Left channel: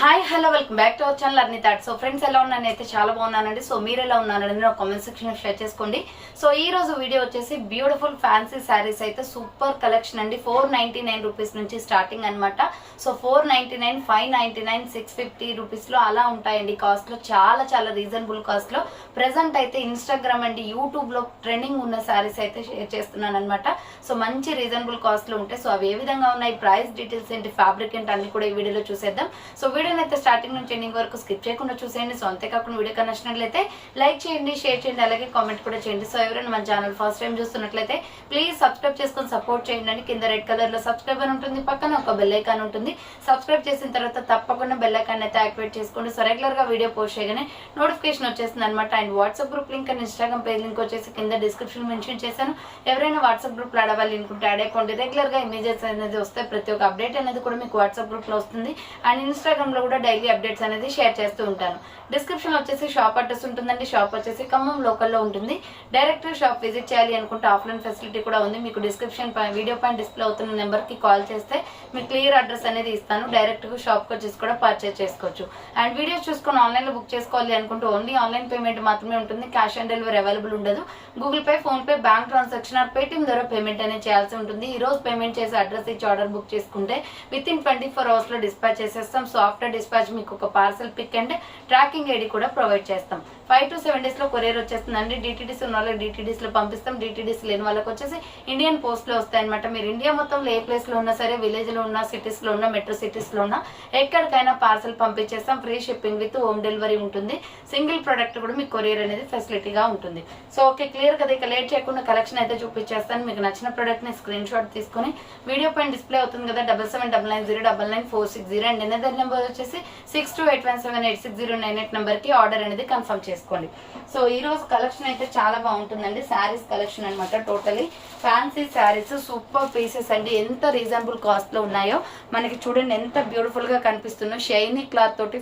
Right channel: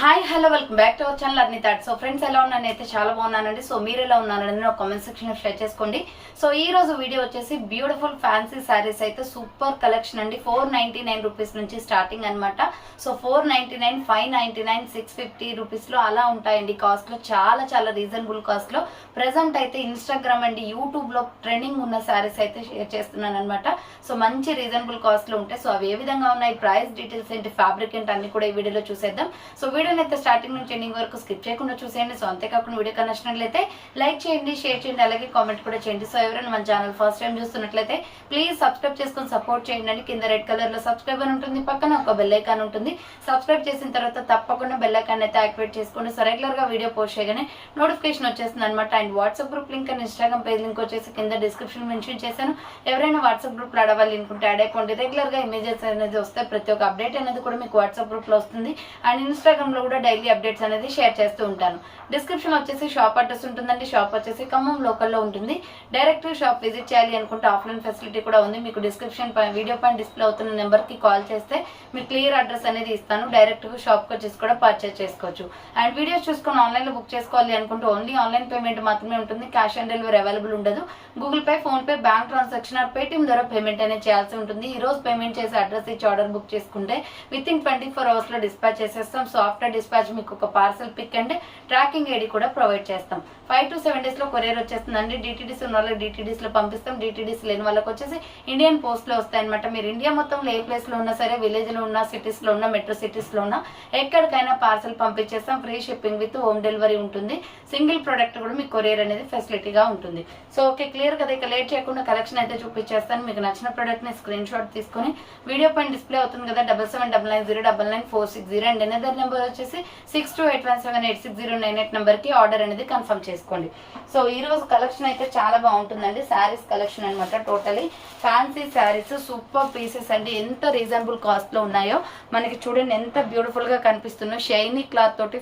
Hi hello welcome back to our channel Arni thought. So friends ఎలా ఉన్నాను అయితే చాలా బాగున్నానండి. సో మీరు ఎలా ఉన్నారనేది నా కామెంట్ సెక్షన్ షేర్ చేసుకోండి. సో ఈ రోజు వీడియో వచ్చేసి బ్యూటిఫుల్ ఫ్యాన్సీ శారీస్ అయితే సూపర్ కలెక్షన్ అండి. 499 రూపీస్ నుంచి స్టార్టింగ్ అనమాట. సో 499, 599, 650 రూపీస్లో అలా ఉంటాయండి. కాస్ట్లో చాలా చాలా రీజనబుల్ కాస్ట్లో ప్రెసెంట్ అయితే ఇన్స్టాగ్రామ్ అండ్ యూట్యూబ్లో ట్రెండింగ్ ఉన్న శారీస్ అయితే షేర్ చేస్తున్నాను అనమాట. సో మంచి రీజనబుల్ కాస్ట్లో ఉంటాయి. సో అవి ఏ విధంగా ఉన్నాయి, ప్రైస్ డీటెయిల్స్ ఏంటి, ఫ్యాబ్రిక్ ఏంటి అన్ని కూడా ఈ వీడియోలో చూసేద్దాం. సో వీడియోని అయితే స్టార్టింగ్ నుంచి ఎండింగ్ వరకు స్కిప్ చేయకుండా చూసేయండి. సో అంతేకాకుండా వీడియో నచ్చినట్లయితే లైక్ చేయండి, షేర్ చేయండి, అలాగే కామెంట్ కూడా చేయండి. సో ఎవరైనా మన ఛానల్ ఫస్ట్ టైం చూస్తున్నట్లయితే ప్లీజ్ సబ్స్క్రైబ్ చేసుకొని సపోర్ట్ చేయండి. కింద రెడ్ కలర్ లో సబ్స్క్రైబ్ అని ఉంటుంది, పక్కన ఒక బెల్ ఐకాన్ ఉంటుంది. సబ్స్క్రైబ్ చేసిన తర్వాత తప్పకుండా బెల్ ఐకాన్ అయితే యాక్టివేట్ చేసుకోండి. సో రెగ్యులర్ గా వీడియో పోస్ట్ చేయగానే నోటిఫికేషన్ వచ్చేస్తుంది అనమాట. And WhatsApp group link and Instagram page link వచ్చేసి కింద డిస్క్రిప్షన్ మెన్షన్ చేశాను. ఎవరైనా వాట్సాప్ గ్రూప్ లో అడవాలి అనుకుంటే యాడ్ అయిపోండి. రెగ్యులర్ గా ఇమేజెస్ అనేది వస్తే ప్రతి ఒక్క అప్డేట్ అనేది కూడా మీకు వాట్సాప్ గ్రూప్ లో వస్తుంది. అండ్ ఇన్స్టాగ్రామ్ లో కూడా డైలీ అప్డేట్స్ అనేది షేర్ చేస్తూ ఉంటాను. డిస్క్రిప్షన్ వచ్చేసి షాప్ అడ్రస్ ఉంటుందండి. షాప్ వచ్చేసి ఖమ్మం లోకల్లో ఉంటుంది. డైరెక్ట్ షాప్ విజిట్ చేయాలి అనుకుంటే ఆఫ్లైన్ ఫెసిలిటీ కూడా ఉంది. మీకు డిస్క్రిప్షన్ వీడియో పైన డిస్ప్లే అవుతున్న నెంబర్ కి కాల్ చేస్తే మీకు క్లియర్ అడ్రస్ అనేది ఇస్తాను. డైరెక్ట్ షాప్ కి వచ్చేసి కూడా పర్చేస్ చేసుకోవచ్చు. అండ్ వీడియోస్ చూసుకొని ఆన్లైన్ లో బుక్ చేసుకోవాలి అనుకుంటే ఓన్లీ ఆన్లైన్ పేమెంట్ మాత్రమే ఉంటుంది. క్యాష్ ఆన్ డెలివరీ అవైలబుల్ ఉండదు. Google Pay, PhonePe, bank transaction or Paytm ద్వారా పేమెంట్ అనేది చేయాల్సి ఉంటుంది. ఈ రోజు పేమెంట్ చేసి అడ్రస్ ఇచ్చి ఆర్డర్ బుక్ చేసుకుంటే విత్ ఇన్ 24 hours లో డిస్పాచ్ చేసేస్తాం. సో ఆఫ్టర్ డిస్పాచ్ మీకు ఒక parcel pick and tracking ID కూడా ప్రొవైడ్ చేస్తాం. 5 to 7 days లో కొరియర్ వచ్చేస్తుందండి. డిటిడిసి ఉన్న వాళ్ళకి డిటిడిస్ లో పంపిస్తాం. డిటిడిసి లేని వాళ్ళకి వచ్చేసి ఇండియన్ పోస్ట్ లో వస్తాయి అనమాట. మీరు ఇండియా మొత్తంలో ఏ ప్లేస్ లో ఉన్నా సరే, విలేజ్ లో ఉన్న, సిటీస్ లో ఉన్న, మెట్రో సిటీస్ లో ఉన్న ఎక్కడికైనా పార్సల్ పంపించేస్తాం. Free shipping with home delivery ఉంటుంది. సింగిల్ ప్రొడక్ట్ కూడా మీకు కొరియర్ అనేది ఫెసిలిటీగా ఉంటుంది. సో ఓకే, క్లియర్ కదా. ఇక లేట్ చేయకుండా కలెక్షన్ అయితే చూపించేస్తాను. మీకు నచ్చిన ప్రొడక్ట్ ని స్క్రీన్ షాట్ తీసుకొని వీడియో పైన డిస్ప్లే అవుతుంది కదా 7799099460 అండ్ ఎనదర్ నెంబర్ వచ్చేసి 6281786098 నెంబర్ కి ఆర్డర్ అనేది కన్ఫర్మ్ చేసుకోండి. సో ఈ రోజు కలెక్షన్ అయితే చాలా బాగుంటుందండి. శారీస్ కలెక్షన్ అనమాట. Totally fancy saris, super pieces అండి. ఎంత రీజనబుల్ కాస్ట్ లో ఉన్నాయో మనకి చూడండి, ఎంత బ్యూటిఫుల్ గా కనిపిస్తున్నాయో. షైనీ క్లాత్ తోటి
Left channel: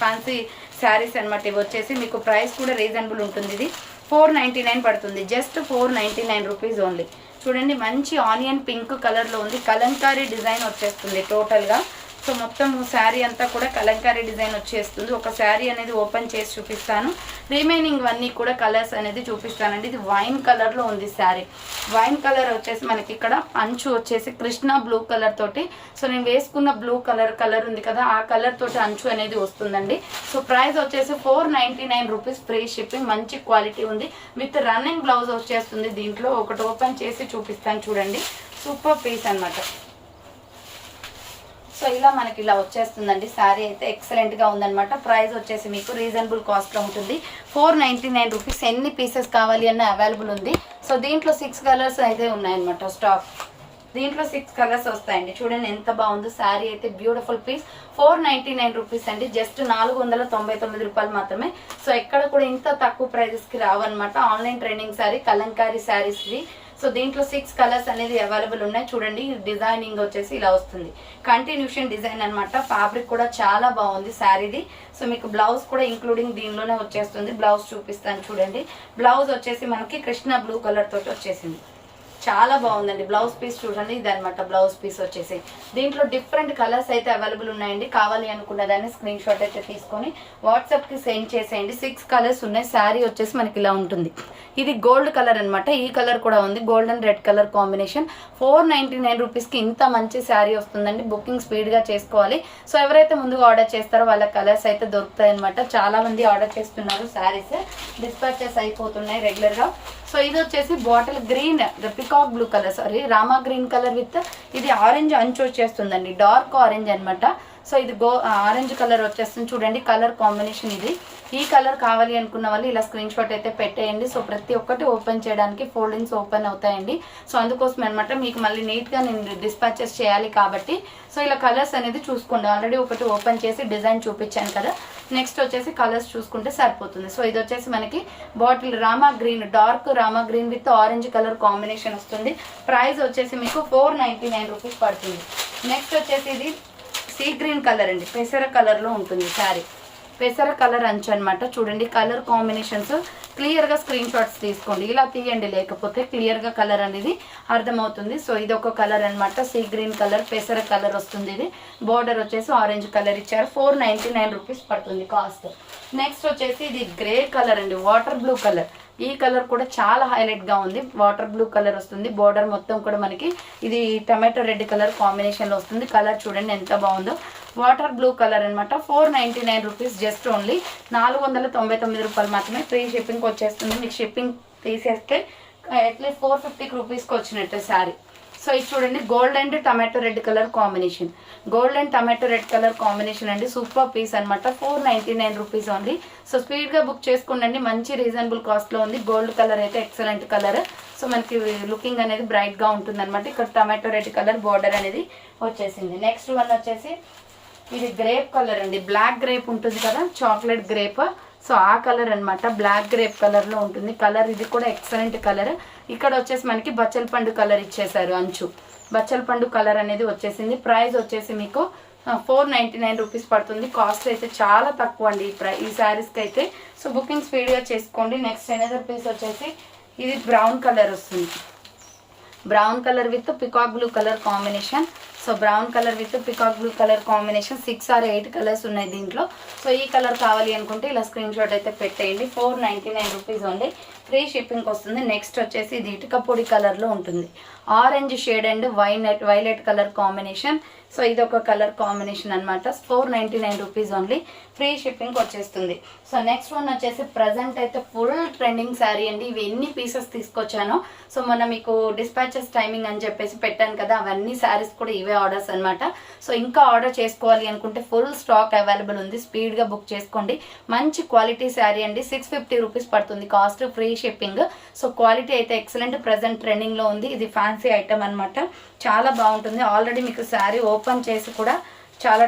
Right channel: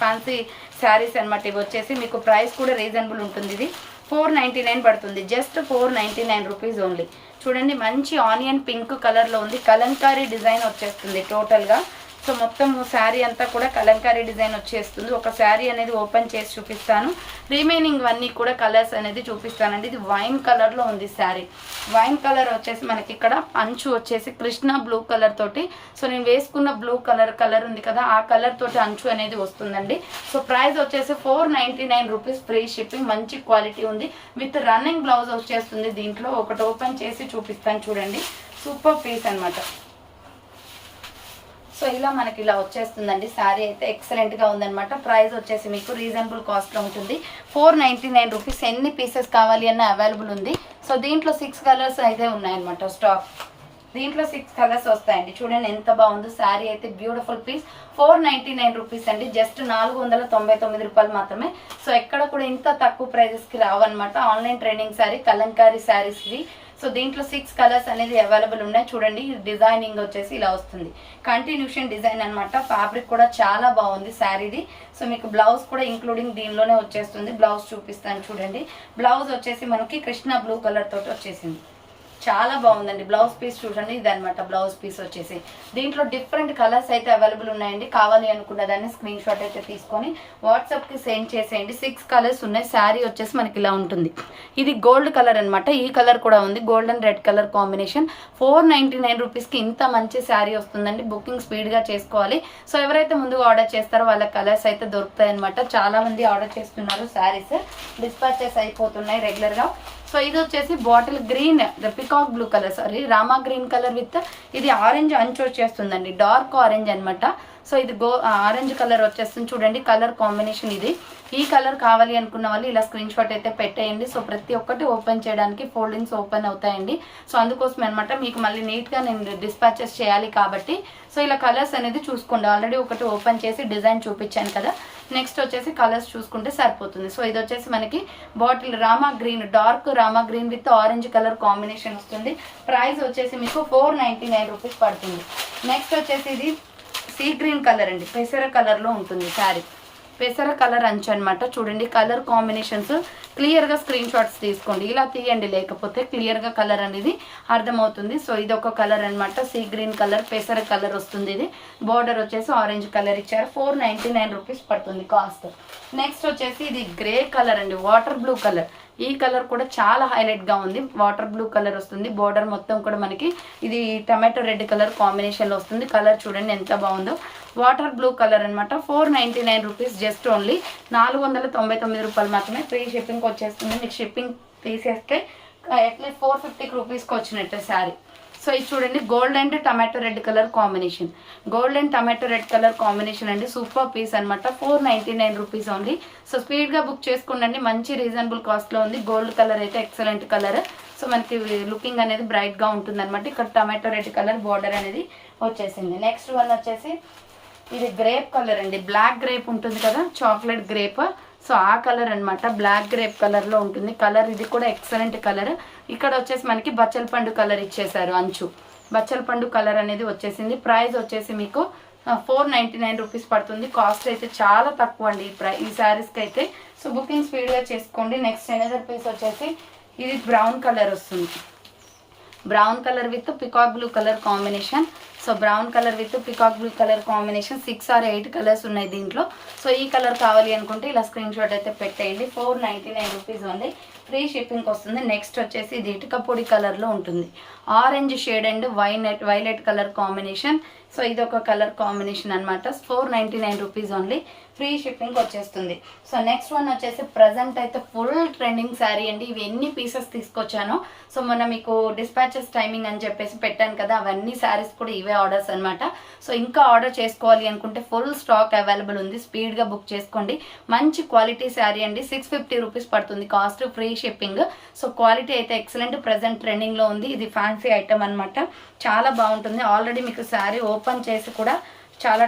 ఫ్యాన్సీ శారీస్ అనమాట. ఇవి వచ్చేసి మీకు ప్రైస్ కూడా రీజనబుల్ ఉంటుంది. ఇది 499 పడుతుంది. Just 499 rupees only. చూడండి, మంచి ఆనియన్ పింక్ కలర్ లో ఉంది. కలంకారీ డిజైన్ వచ్చేస్తుంది టోటల్ గా. సో మొత్తం శారీ అంతా కూడా కలంకారీ డిజైన్ వచ్చేస్తుంది. ఒక శారీ అనేది ఓపెన్ చేసి చూపిస్తాను. రిమైనింగ్ అన్నీ కూడా కలర్స్ అనేది చూపిస్తానండి. ఇది వైన్ కలర్ లో ఉంది శారీ. వైన్ కలర్ వచ్చేసి మనకి ఇక్కడ అంచు వచ్చేసి కృష్ణ బ్లూ కలర్ తోటి, సో నేను వేసుకున్న బ్లూ కలర్ ఉంది కదా, ఆ కలర్ తోటి అంచు అనేది వస్తుందండి. సో ప్రైస్ వచ్చేసి 499 రూపీస్, ఫ్రీ షిప్పింగ్. మంచి క్వాలిటీ ఉంది. విత్ రన్నింగ్ బ్లౌజ్ వచ్చేస్తుంది. దీంట్లో ఒకటి ఓపెన్ చేసి చూపిస్తాను చూడండి. సూపర్ పీస్ అనమాట. సో ఇలా మనకి ఇలా వచ్చేస్తుందండి. శారీ అయితే ఎక్సలెంట్ గా ఉందన్నమాట. ప్రైస్ వచ్చేసి మీకు రీజనబుల్ కాస్ట్ లో ఉంటుంది. 499 రూపీస్. ఎన్ని పీసెస్ కావాలి అన్న అవైలబుల్ ఉంది. సో దీంట్లో 6 కలర్స్ అయితే ఉన్నాయన్నమాట స్టాక్. దీంట్లో 6 కలర్స్ వస్తాయండి. చూడండి ఎంత బాగుందో. శారీ అయితే బ్యూటిఫుల్ పీస్. 499 రూపీస్ అండి. జస్ట్ 499 రూపాయలు మాత్రమే. సో ఎక్కడ కూడా ఇంత తక్కువ ప్రైజెస్ కి రావన్నమాట. ఆన్లైన్ ట్రెండింగ్ శారీ, కలంకారీ శారీస్ ఇవి. సో దీంట్లో 6 కలర్స్ అనేది అవైలబుల్ ఉన్నాయి. చూడండి, డిజైనింగ్ వచ్చేసి ఇలా వస్తుంది. కంటిన్యూషన్ డిజైన్ అనమాట. ఫ్యాబ్రిక్ కూడా చాలా బాగుంది శారీది. సో మీకు బ్లౌజ్ కూడా ఇంక్లూడింగ్ దీనిలోనే వచ్చేస్తుంది. బ్లౌజ్ చూపిస్తాను చూడండి. బ్లౌజ్ వచ్చేసి మనకి కృష్ణ బ్లూ కలర్ తోటి వచ్చేసింది. చాలా బాగుందండి. బ్లౌజ్ పీస్ చూడండి, ఇది అనమాట బ్లౌజ్ పీస్ వచ్చేసి. దీంట్లో డిఫరెంట్ కలర్స్ అయితే అవైలబుల్ ఉన్నాయండి. కావాలి అనుకున్న దాన్ని స్క్రీన్ షాట్ అయితే తీసుకొని వాట్సాప్ కి సెండ్ చేసేయండి. 6 కలర్స్ ఉన్నాయి. శారీ వచ్చేసి మనకి ఇలా ఉంటుంది. ఇది గోల్డ్ కలర్ అనమాట. ఈ కలర్ కూడా ఉంది, gold and red colour combination. 499 rupees కి ఇంత మంచి శారీ వస్తుందండి. బుకింగ్ స్పీడ్ గా చేసుకోవాలి. సో ఎవరైతే ముందుగా ఆర్డర్ చేస్తారో వాళ్ళ కలర్స్ అయితే దొరుకుతాయి అనమాట. చాలా మంది ఆర్డర్ చేస్తున్నారు. శారీస్ డిస్పాచెస్ అయిపోతున్నాయి రెగ్యులర్ గా. సో ఇది వచ్చేసి bottle green, peacock blue colour, sorry Rama green colour with ఇది ఆరెంజ్ అంచు వచ్చేస్తుందండి. డార్క్ ఆరెంజ్ అనమాట. సో ఇది ఆరెంజ్ కలర్ వచ్చేస్తుంది. చూడండి కలర్ కాంబినేషన్ ఇది. ఈ కలర్ కావాలి అనుకున్న వాళ్ళు ఇలా స్క్రీన్ షాట్ అయితే పెట్టేయండి. సో ప్రతి ఒక్కటి ఓపెన్ చేయడానికి ఫోల్డింగ్స్ ఓపెన్ అవుతాయండి. సో అందుకోసం అనమాట, మీకు మళ్ళీ నీట్ గా నేను డిస్పాచెస్ చేయాలి కాబట్టి. సో ఇలా కలర్స్ అనేది చూసుకోండి. ఆల్రెడీ ఒకటి ఓపెన్ చేసి డిజైన్ చూపించాను కదా. నెక్స్ట్ వచ్చేసి కలర్స్ చూసుకుంటే సరిపోతుంది. సో ఇది వచ్చేసి మనకి bottle Rama green, dark Rama green with orange colour combination వస్తుంది. ప్రైస్ వచ్చేసి మీకు 499 రూపీస్ పడుతుంది. నెక్స్ట్ వచ్చేసి ఇది సీ గ్రీన్ కలర్ అండి. పెసర కలర్ లో ఉంటుంది శారీ. పెసర కలర్ అంచు అనమాట. చూడండి కలర్ కాంబినేషన్స్ క్లియర్గా స్క్రీన్ షాట్స్ తీసుకోండి, ఇలా తీయండి లేకపోతే క్లియర్గా కలర్ అనేది అర్థమవుతుంది. సో ఇది ఒక కలర్ అనమాట, సీ గ్రీన్ కలర్ పెసర కలర్ వస్తుంది. ఇది బోర్డర్ వచ్చేసి ఆరెంజ్ కలర్ ఇచ్చారు. 499 రూపీస్ పడుతుంది కాస్ట్. నెక్స్ట్ వచ్చేసి ఇది గ్రే కలర్ అండి, వాటర్ బ్లూ కలర్. ఈ కలర్ కూడా చాలా హైలైట్గా ఉంది, వాటర్ బ్లూ కలర్ వస్తుంది. బోర్డర్ మొత్తం కూడా మనకి ఇది టమాటో రెడ్ కలర్ కాంబినేషన్లో వస్తుంది. కలర్ చూడండి ఎంత బాగుందో, వాటర్ బ్లూ కలర్ అనమాట. 499 రూపీస్, జస్ట్ ఓన్లీ 499 రూపాయలు మాత్రమే. ఫ్రీ షిప్పింగ్కి వచ్చేస్తుంది. మీకు షిప్పింగ్ తీసేస్తే అట్లీస్ట్ 450 రూపీస్కి వచ్చినట్టు శారీ. సో ఇది చూడండి gold and tomato red colour combination, gold and tomato red colour combination అండి. సూపర్ పీస్ అనమాట. 499 రూపీస్ ఓన్లీ. సో స్పీడ్గా బుక్ చేసుకోండి, మంచి రీజనబుల్ కాస్ట్లో ఉంది. గోల్డ్ కలర్ అయితే ఎక్సలెంట్ కలర్. సో మనకి లుకింగ్ అనేది బ్రైట్గా ఉంటుంది అనమాట. ఇక్కడ టమాటో రెడ్ కలర్ బార్డర్ అనేది వచ్చేసింది. నెక్స్ట్ వన్ వచ్చేసి ఇది గ్రేప్ కలర్ అండి, బ్లాక్ గ్రేప్ ఉంటుంది కదా, చాక్లెట్ గ్రేప్. సో ఆ కలర్ అనమాట, బ్లాక్ గ్రేప్ కలర్లో ఉంటుంది కలర్. ఇది కూడా ఎక్సలెంట్ కలర్. ఇక్కడ వచ్చేసి మనకి బచ్చల పండు కలర్ ఇచ్చేసారు, అంచు బచ్చల పండు కలర్ అనేది వచ్చేసింది. ప్రైస్ వచ్చేసి మీకు 499 రూపీస్ పడుతుంది. కాస్ట్ అయితే చాలా తక్కువ అండి ఈ శారీస్కి అయితే. సో బుకింగ్ స్పీడ్గా చేసుకోండి. నెక్స్ట్ ఎనదర్ పీస్ వచ్చేసి ఇది బ్రౌన్ కలర్ వస్తుంది, brown colour with peacock blue colour combination. So brown colour with peacock blue colour combination. 6 or 8 colours ఉన్నాయి దీంట్లో. సో ఈ కలర్ కావాలి అనుకుంటే ఇలా స్క్రీన్ షాట్ అయితే పెట్టేయండి. 499 రూపీస్ ఓన్లీ, ఫ్రీ షిప్పింగ్కి వస్తుంది. నెక్స్ట్ వచ్చేసి ఇది ఇటుక పొడి కలర్లో ఉంటుంది, orange shade and violet colour combination. So ఇది ఒక కలర్ కాంబినేషన్ అనమాట. 499 రూపీస్ ఓన్లీ, ఫ్రీ షిప్పింగ్ వచ్చేస్తుంది. సో నెక్స్ట్ వన్ వచ్చేసి ప్రజెంట్ అయితే ఫుల్ ట్రెండింగ్ శారీ అండి. ఇవి ఎన్ని పీసెస్ తీసుకొచ్చానో, సో మొన్న మీకు డిస్పాచెస్ టైమింగ్ అని చెప్పేసి పెట్టాను కదా, అవన్నీ శారీస్ కూడా ఇవే ఆర్డర్స్ అనమాట. సో ఇంకా ఆర్డర్ చేసుకోవాలి అనుకుంటే ఫుల్ స్టాక్ అవైలబుల్ ఉంది, స్పీడ్గా బుక్ చేసుకోండి. మంచి క్వాలిటీ శారీ అండి, 650 రూపీస్ పడుతుంది cost, free shipping. So quality అయితే ఎక్సలెంట్, ప్రజెంట్ ట్రెండింగ్లో ఉంది. ఇది ఫ్యాన్సీ ఐటమ్ అనమాట, చాలా బాగుంటుంది. ఆల్రెడీ మీకు శారీ ఓపెన్ చేసి కూడా చాలా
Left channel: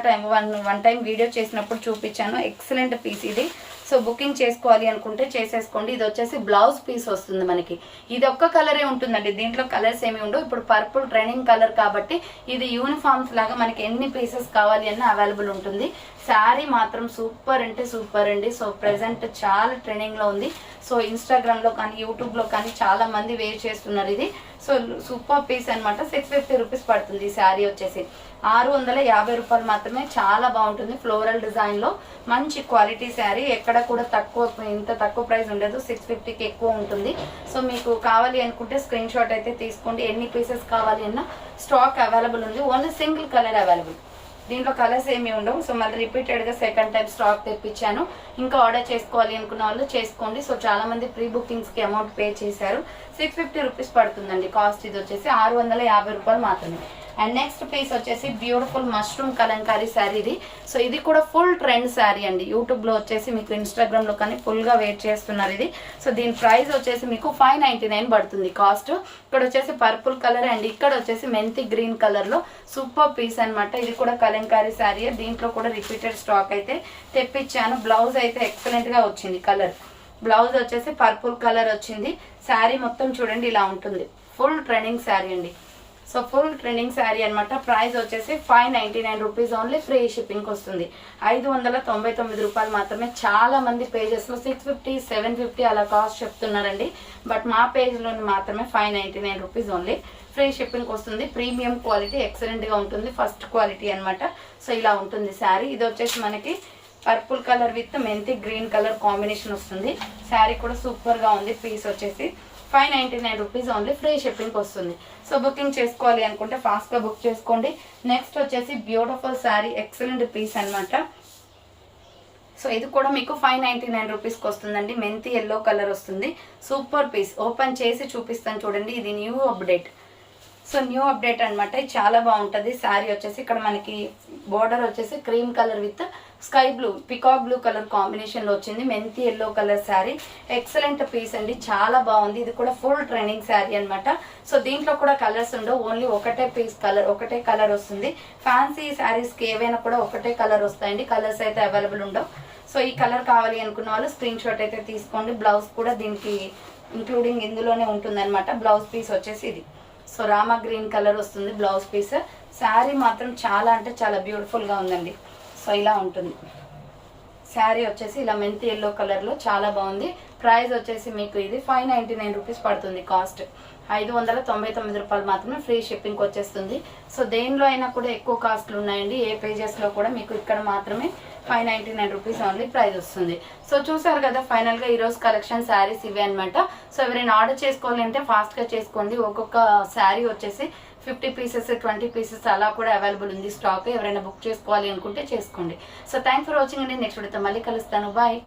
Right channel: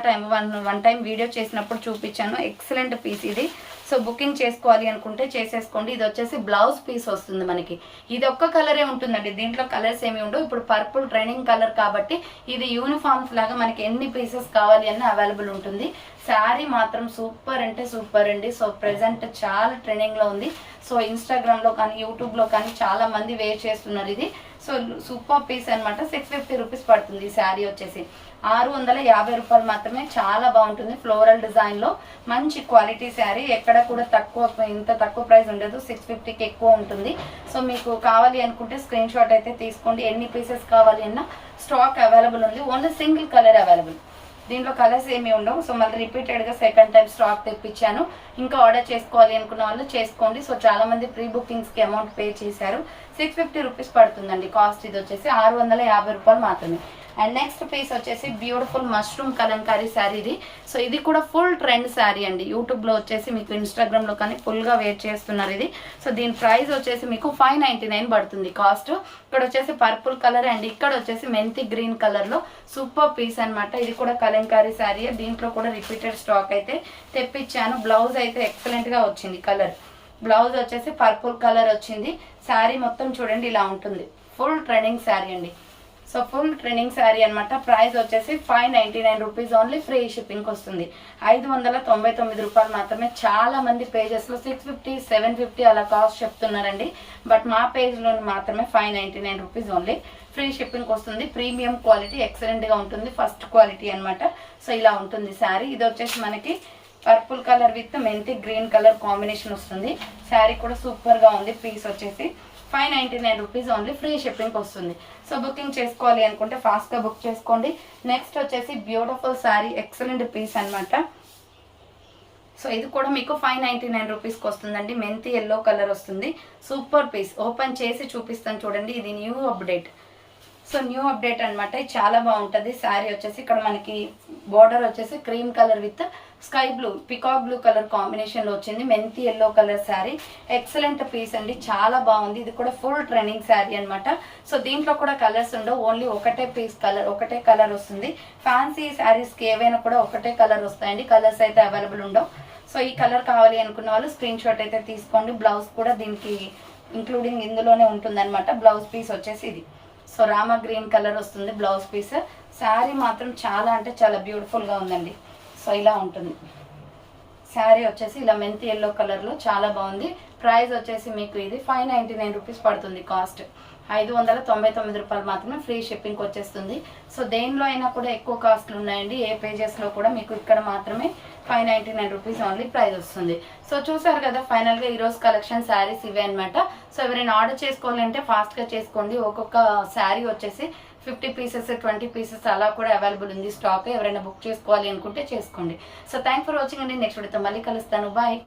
వన్ టైం వీడియో చేసినప్పుడు చూపించాను. ఎక్సలెంట్ పీస్ ఇది. సో బుకింగ్ చేసుకోవాలి అనుకుంటే చేసేసుకోండి. ఇది వచ్చేసి బ్లౌజ్ పీస్ వస్తుంది మనకి. ఇది ఒక్క కలరే ఉంటుందండి, దీంట్లో కలర్స్ ఏమి ఉండవు. ఇప్పుడు పర్పుల్ ట్రెండింగ్ కలర్ కాబట్టి ఇది యూనిఫామ్స్ లాగా మనకి ఎన్ని పీసెస్ కావాలి అన్న అవైలబుల్ ఉంటుంది. శారీ మాత్రం సూపర్ అంటే సూపర్ అండి. సో ప్రెజెంట్ చాలా ట్రెండింగ్లో ఉంది. సో ఇన్స్టాగ్రామ్లో కానీ యూట్యూబ్లో కానీ చాలా మంది వేర్ చేస్తున్నారు ఇది. సో సూపర్ పీస్ అనమాట. 650 రూపీస్ పడుతుంది ఈ శారీ వచ్చేసి. 650 రూపాయలు మాత్రమే. చాలా బాగుంటుంది, ఫ్లోరల్ డిజైన్లో మంచి క్వాలిటీ శారీ. ఎక్కడ కూడా ఇంత తక్కువ ప్రైస్ ఉండదు, 650కి ఎక్కువ ఉంటుంది. సో మీకు కావాలి అనుకుంటే స్క్రీన్ షాట్ అయితే తీసుకోండి. ఎన్ని పీసెస్ కావాలి అన్నా స్టాక్ అవైలబుల్ ఉంది. ఓన్లీ సింగిల్ కలర్ అవైలబుల్, దీంట్లో కలర్స్ ఏమి ఉండవు. సో మళ్ళీ రిపీటెడ్గా సెకండ్ టైం స్టాక్ తెప్పించాను. ఇంకా ఆర్డర్ చేసుకోవాలి అనుకున్న వాళ్ళు చేసుకోండి. సో చాలా మంది ప్రీ బుకింగ్స్కి అమౌంట్ పే చేశారు. 650 రూపీస్ పడుతుందండి కాస్ట్. ఇది వచ్చేసి 650 రూపాయలు మాత్రమే. అండ్ నెక్స్ట్ పీస్ వచ్చేసి బ్యూటిఫుల్ మష్రూమ్ కలంకారీ శారీ ఇది. సో ఇది కూడా ఫుల్ ట్రెండ్ శారీ అండి. యూట్యూబ్లో వచ్చేసి మీకు ఇన్స్టాగ్రామ్లో కానీ ఫుల్గా వెయిట్ చేస్తున్నారు ఇది. సో దీని ప్రైస్ వచ్చేసి మీకు 599 పడుతుంది కాస్ట్. ఇక్కడ వచ్చేసి పర్పుల్ కలర్ అండ్ ఇక్కడ వచ్చేసి మెంతి గ్రీన్ కలర్లో సూపర్ పీస్ అనమాట. ఇది కూడా కలంకారీ శారీ. దీంట్లో కూడా రిపీటెడ్ స్టాక్ అయితే తెప్పించాను. బ్లౌజ్ అయితే ఎక్సలెంట్గా వచ్చింది. కలర్ బ్లౌజ్ వచ్చేసి పర్పుల్ కలర్ వచ్చింది. శారీ మొత్తం చూడండి ఇలా ఉంటుంది. ఫుల్ ట్రెండింగ్ శారీ అండి. సో ఫుల్ ట్రెండింగ్ శారీ అనమాట. ప్రైస్ వచ్చేసి 599 రూపీస్ ఓన్లీ, ఫ్రీ షిప్పింగ్కి వస్తుంది. 599 రూపాయలు మాత్రమే. చాలా మంది పేజెస్లో 650, 750 అలా కాస్ట్ చెప్తున్నారండి. బట్ మా పేజ్లో మాత్రమే 599 రూపీస్ ఓన్లీ, ఫ్రీ షిప్పింగ్కి వస్తుంది. ప్రీమియం క్వాలిటీ ఎక్సలెంట్గా ఉంటుంది, ఫస్ట్ క్వాలిటీ అనమాట. సో ఇలా ఉంటుంది శారీ. ఇది వచ్చేసి మనకి పర్పుల్ కలర్ విత్ మెంతి గ్రీన్ కలర్ కాంబినేషన్ వస్తుంది. శారీ కూడా సూపర్గా ఉంది. పీస్ వచ్చేసి 599 రూపీస్ ఓన్లీ, ఫ్రీ షిప్పింగ్కి వస్తుంది. సో బుకింగ్ చేసుకోవాలి అనుకుంటే ఫాస్ట్గా బుక్ చేసుకోండి. నెక్స్ట్ వచ్చేసి బ్యూటిఫుల్ శారీ, ఎక్సలెంట్ పీస్ అనమాట. సో ఇది కూడా మీకు 599 రూపీస్కి వస్తుందండి. మెంతి ఎల్లో కలర్ వస్తుంది. Super piece. ఓపెన్ చేసి చూపిస్తాను చూడండి. ఇది new update. So new update అనమాట. చాలా బాగుంటుంది శారీ వచ్చేసి. ఇక్కడ మనకి బోర్డర్ వచ్చేసి cream colour with sky blue, peacock blue colour కాంబినేషన్లో వచ్చింది. మెంతి yellow colour sari, excellent piece అండి. చాలా బాగుంది. ఇది కూడా ఫుల్ ట్రెండింగ్ శారీ అనమాట. సో దీంట్లో కూడా కలర్స్ ఉండవు, ఓన్లీ ఒకటే పీస్ కలర్, ఒకటే కలర్ వస్తుంది. ఫ్యాన్సీ శారీస్కి ఏవైనా కూడా ఒకటే కలర్ వస్తాయండి, కలర్స్ అయితే అవైలబుల్ ఉండవు. సో ఈ కలర్ కావాలి అనుకున్న వాళ్ళు స్క్రీన్ షాట్ అయితే తీసుకోండి. బ్లౌజ్ కూడా దీనికి ఇంక్లూడింగ్ ఇందులోనే ఉంటుందన్నమాట. బ్లౌజ్ పీస్ వచ్చేసి ఇది. సో రామా గ్రీన్ కలర్ వస్తుంది బ్లౌజ్ పీస్. శారీ మాత్రం చాలా అంటే చాలా బ్యూటిఫుల్గా ఉందండి. సో ఇలా ఉంటుంది. శారీ వచ్చేసి ఇలా మెంతి ఎల్లో కలర్లో చాలా బాగుంది. ప్రైస్ వచ్చేసి మీకు ఇది 599 రూపీస్ పడుతుంది. కాస్ట్ 599 రూపాయలు మాత్రమే, ఫ్రీ షిప్పింగ్ వచ్చేస్తుంది. సో దేనిలో అయినా కూడా ఎక్కువ కాస్ట్లు ఉన్నాయండి. ఏ పేజెస్లో కూడా మీకు ఇక్కడ మాత్రమే 599 రూపీస్ ఓన్లీ ప్రైస్ వస్తుంది. సో చూసారు కదా, ఫైనల్గా ఈరోజు కలెక్షన్ శారీస్ ఇవే అనమాట. సో ఎవరైనా ఆర్డర్ చేసుకోవాలంటే ఫాస్ట్గా చేసుకోండి. ఒక్కొక్క శారీ వచ్చేసి 50 పీసెస్ 20 పీసెస్ అలా కూడా అవైలబుల్ ఉంది స్టాక్. ఎవరైనా బుక్ చేసుకోవాలి అనుకుంటే చేసుకోండి. సో థ్యాంక్ ఫర్ వాచింగ్ అండి. నెక్స్ట్ వీడియోతో మళ్ళీ కలుస్తాను. బాయ్.